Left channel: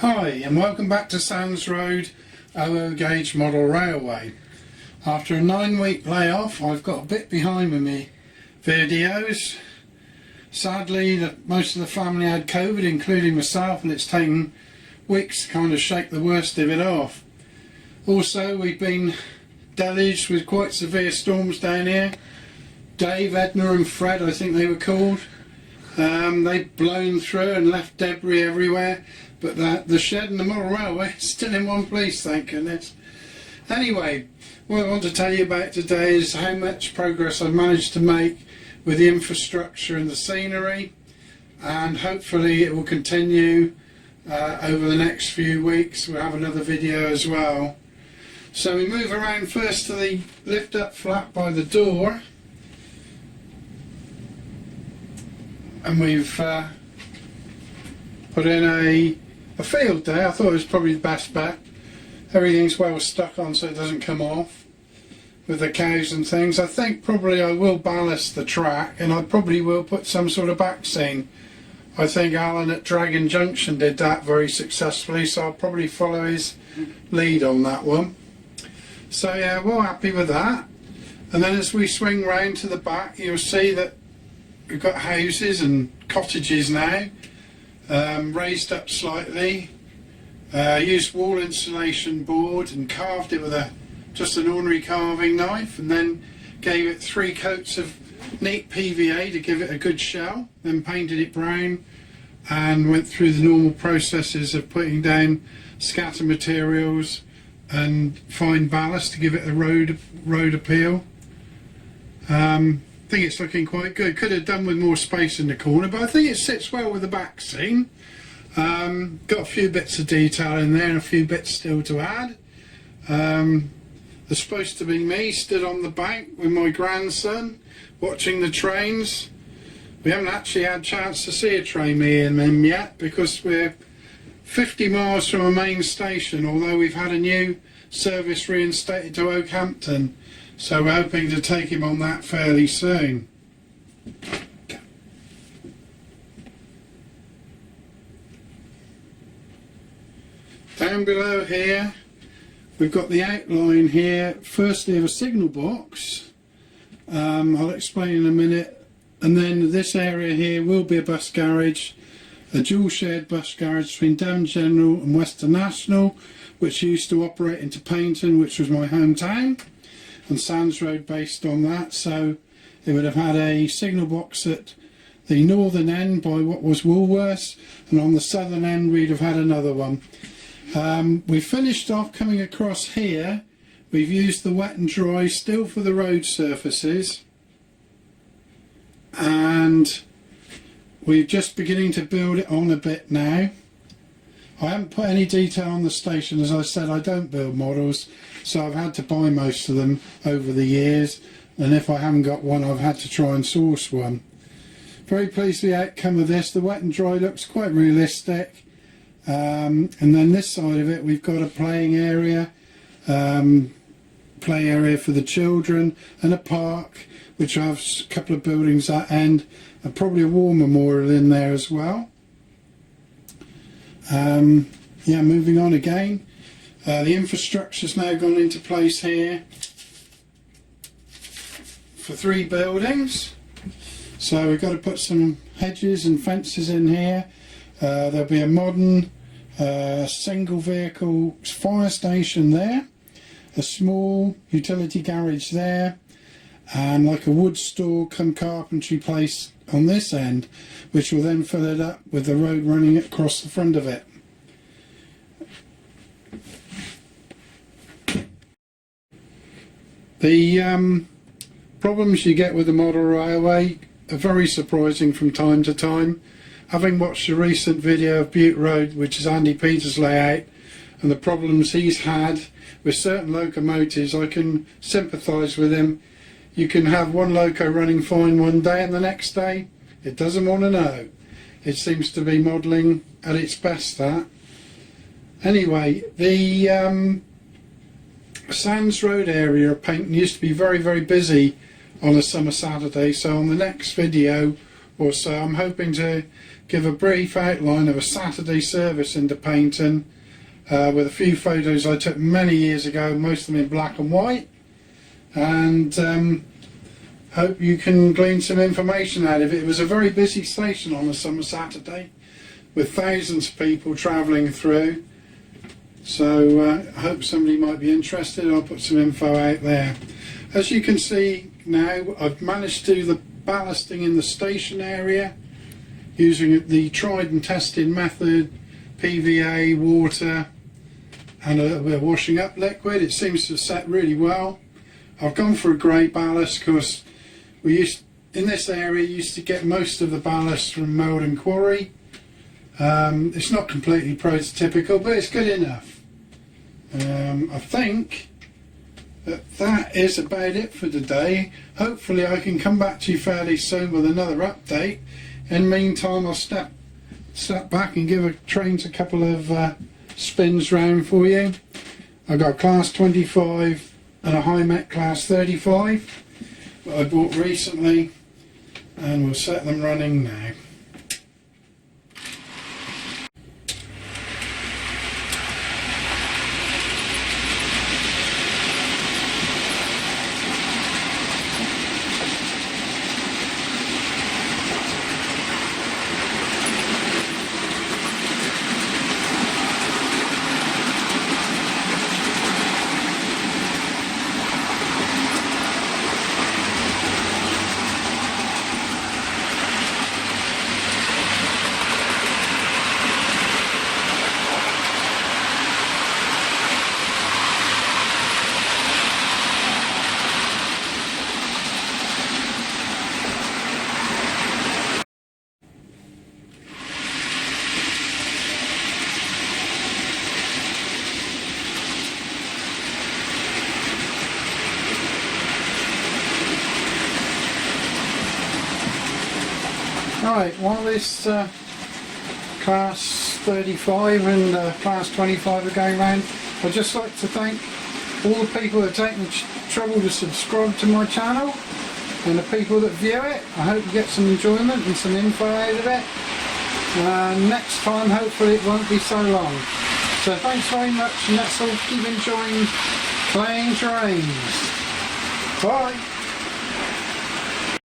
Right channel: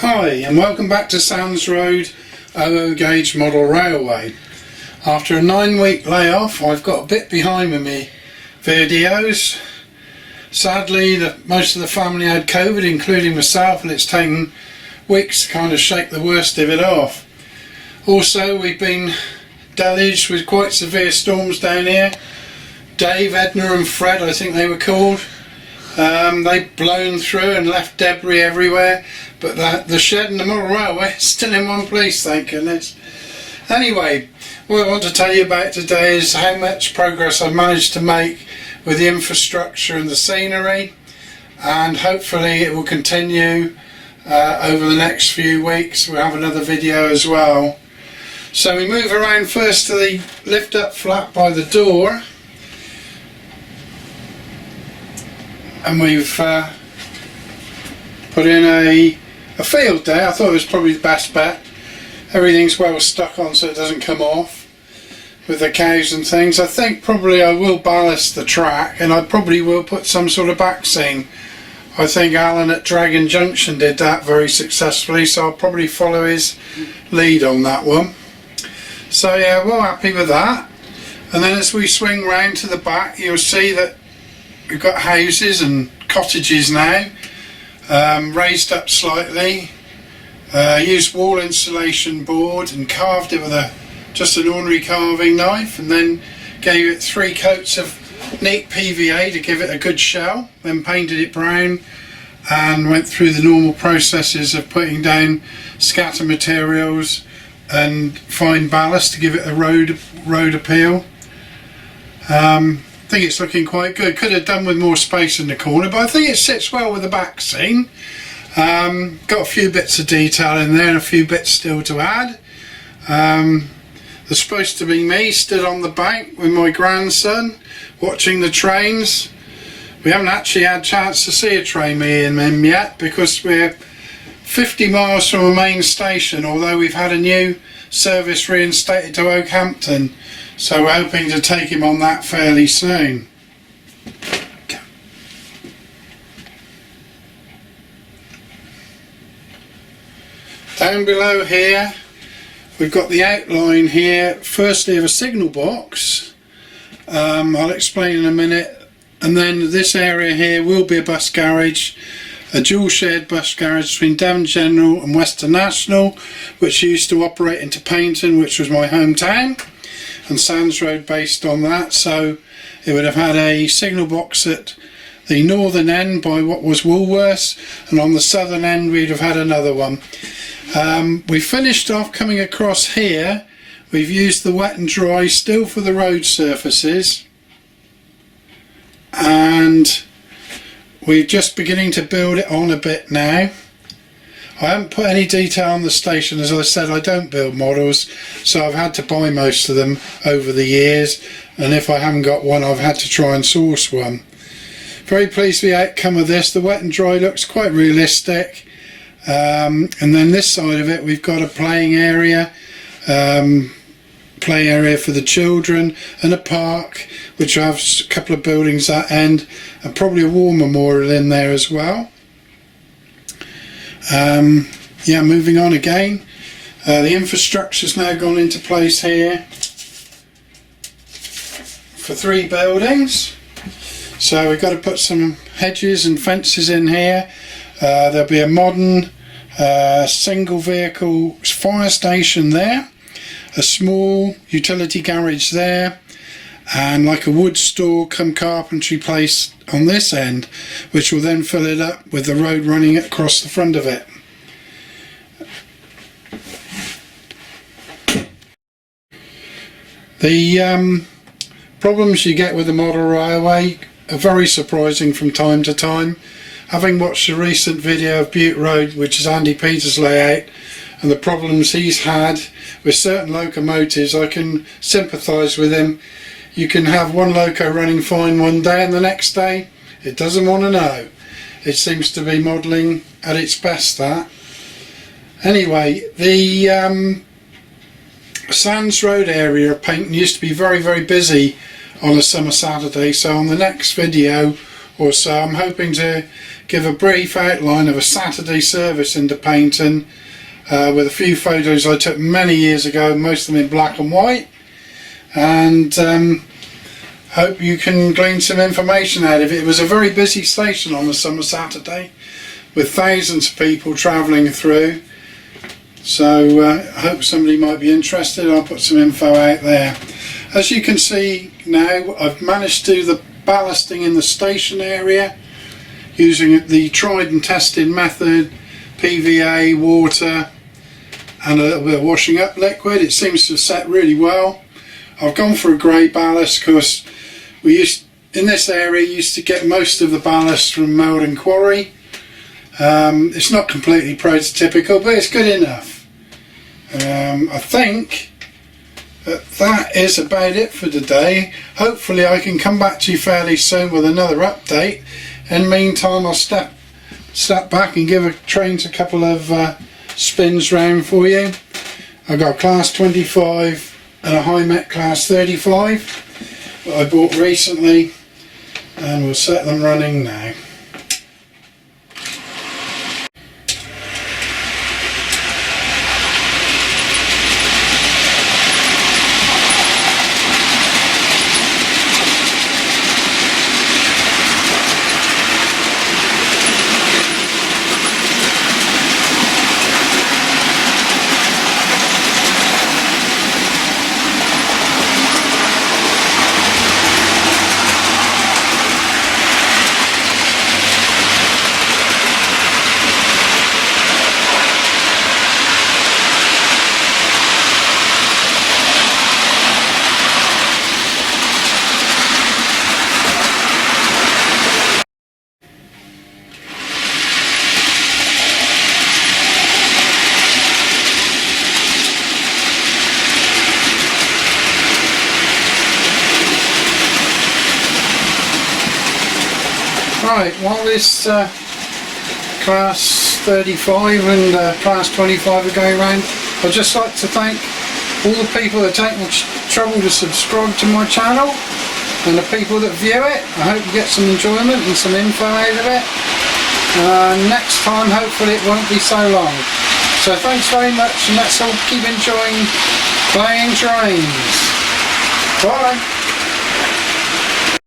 Hi and welcome back to Sands Road OO Gauge Model Railway. After a 9-week layoff, I've got a bit behind with me videos. Sadly, most of the family had COVID, including myself, and it's taken weeks to kind of shake the worst of it off. Also, we've been deluged with quite severe storms down here. Dave, Edna and Fred, I think they were called. They've blown through and left debris everywhere, but the shed and the model railway is still in one place, thank goodness. Anyway, what I want to tell you about today is how much progress I've managed to make with the infrastructure and the scenery, and hopefully it will continue over the next few weeks. We'll have another video as well. So we move around first to the lift up flat by the door, and we've put in a field there. I thought it was probably the best bet. Everything's well stuck on so it doesn't come off with the cows and things. I think probably I will ballast the track, and I probably will put some sort of back scene. I think Alan at Dragon Junction did that very successfully, so I'll probably follow his lead on that one. So yeah, we're happy with that. And then as we swing round to the back, you'll see that we've got houses and cottages now, raised up slightly. Used wall insulation board and carved it with just an ordinary carving knife, and then gave it 3 coats of neat PVA to give it a good shell, then painted it brown and went through the normal processes of putting down scatter materials and fine ballast to give it a road appeal. I think it's looking quite good. Could have done with more space in the corner, but I think it sits well with the back scene. Got a few bits of detail in there and a few bits still to add. There's supposed to be me stood on the bank with my grandson watching the trains. We haven't actually had a chance to see a train, me and him, yet, because we're 50 miles from a main station, although we've had a new service reinstated to Oakhampton. So we're hoping to take him on that fairly soon. Down below here, we've got the outline here, firstly of a signal box. I'll explain in a minute. And then this area here will be a bus garage, a dual shared bus garage between Devon General and Western National, which used to operate into Paignton, which was my hometown, and Sands Road based on that. So it would have had a signal box at the northern end by what was Woolworths, and on the southern end we'd have had another one. We finished off coming across here. We've used the wet and dry still for the road surfaces, and we're just beginning to build it on a bit now. I haven't put any detail on the station. As I said, I don't build models, so I've had to buy most of them over the years, and if I haven't got one, I've had to try and source one. Very pleased with the outcome of this. The wet and dry looks quite realistic, and then this side of it we've got a playing area for the children, and a park which will have a couple of buildings at end, and probably a war memorial in there as well. Yeah, moving on again. The infrastructure's now gone into place here for 3 buildings. So we've got to put some hedges and fences in here. There'll be a modern single vehicle fire station there, a small utility garage there, and like a wood store come carpentry place on this end, which will then fill it up with the road running across the front of it. The problems you get with the model railway are very surprising from time to time. Having watched a recent video of Butte Road, which is Andy Peters' layout, and the problems he's had with certain locomotives, I can sympathise with him. You can have one loco running fine one day, and the next day it doesn't want to know. It seems to be modelling at its best, that. Anyway, the Sands Road area of Paignton used to be very, very busy on a summer Saturday, so on the next video or so. I'm hoping to give a brief outline of a Saturday service into Paynton with a few photos I took many years ago, most of them in black and white, and hope you can glean some information out of it. It was a very busy station on the summer Saturday with thousands of people travelling through, so I hope somebody might be interested. I'll put some info out there. As you can see now, I've managed to do the ballasting in the station area using the tried and tested method, PVA, water and a little bit of washing up liquid. It seems to set really well. I've gone for a grey ballast because in this area used to get most of the ballast from Meldon Quarry. It's not completely prototypical, but it's good enough. I think that is about it for today. Hopefully I can come back to you fairly soon with another update. In the meantime, I'll step back and give trains a couple of spins round for you. I've got class 25 and a high mech class 35 that I bought recently, and we'll set them running now. Right, while this class 35 and class 25 are going around, I'd just like to thank all the people that take the trouble to subscribe to my channel and the people that view it. I hope you get some enjoyment and some info out of it. Next time hopefully it won't be so long. So thanks very much, and let's all keep enjoying playing trains. Bye!